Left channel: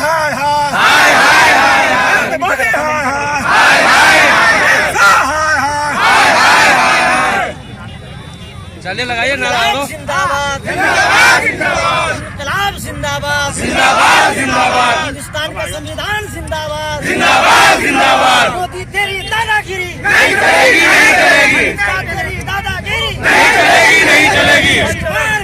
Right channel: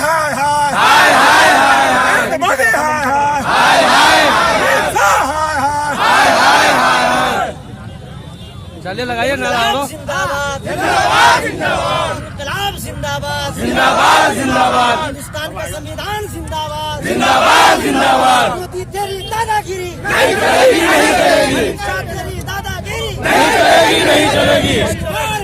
हाय हाय हाय हाय हाय नरेंद्र मोदी हाय हाय हाय हाय हाय हाय हाय हाय चले लगाइए नारा जिंदाबाद जिंदाबाद जिंदाबाद इनकलाब जिंदाबाद जिंदाबाद जिंदाबाद हिंदुस्तान का संविधान जिंदाबाद जिंदाबाद जिंदाबाद मोदी तेरी दादागिरी नहीं चलेगी नहीं चलेगी तेरी दादागिरी नहीं चलेगी नहीं चलेगी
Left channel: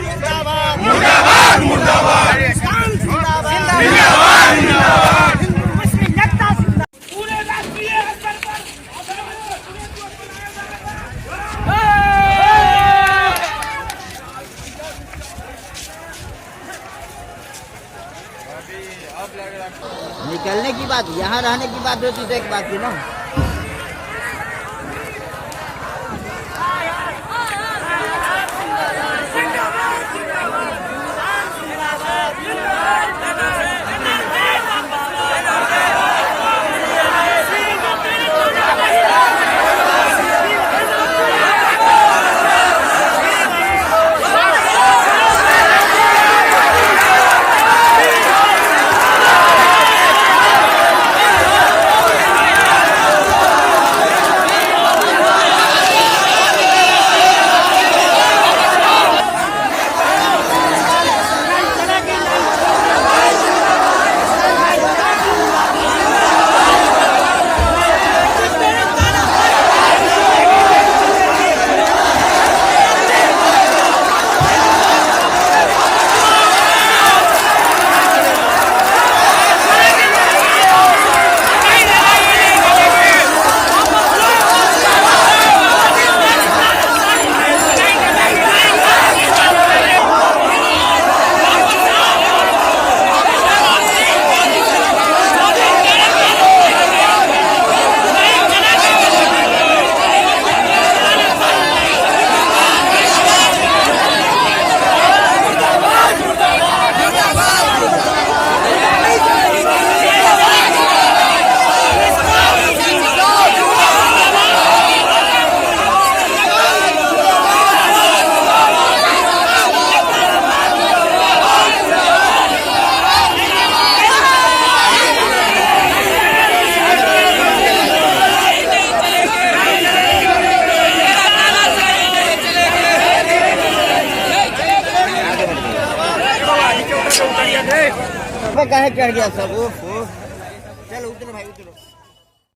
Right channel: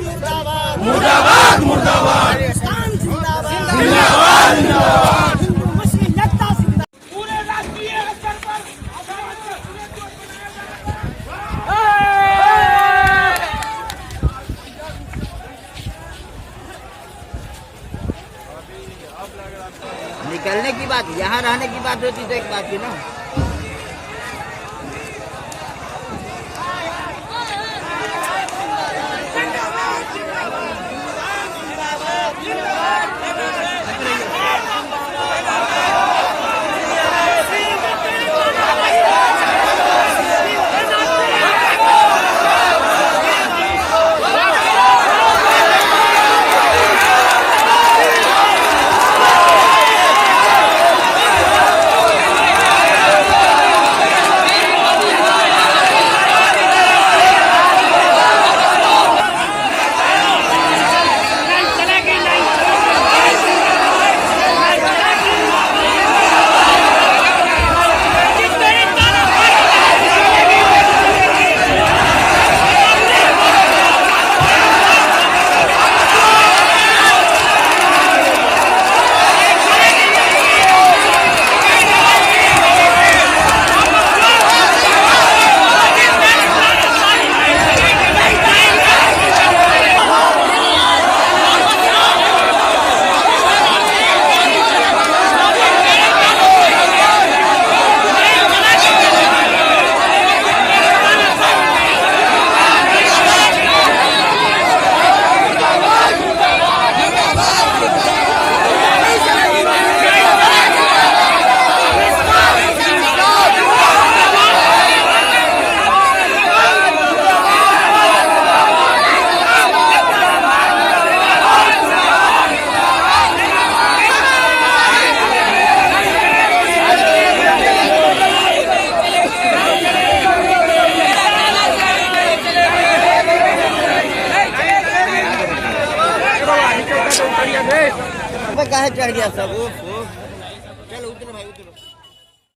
मुर्दाबाद मुर्दाबाद मुर्दाबाद हिंदुस्तान जिंदाबाद जिंदाबाद जिंदाबाद हिंदू मुस्लिम एकता जिंदाबाद पूरे राष्ट्रीय स्तर पर निकलने की बात यहाँ रहने की बात होती तो एक बात थी ना काहे चढ़ गया सब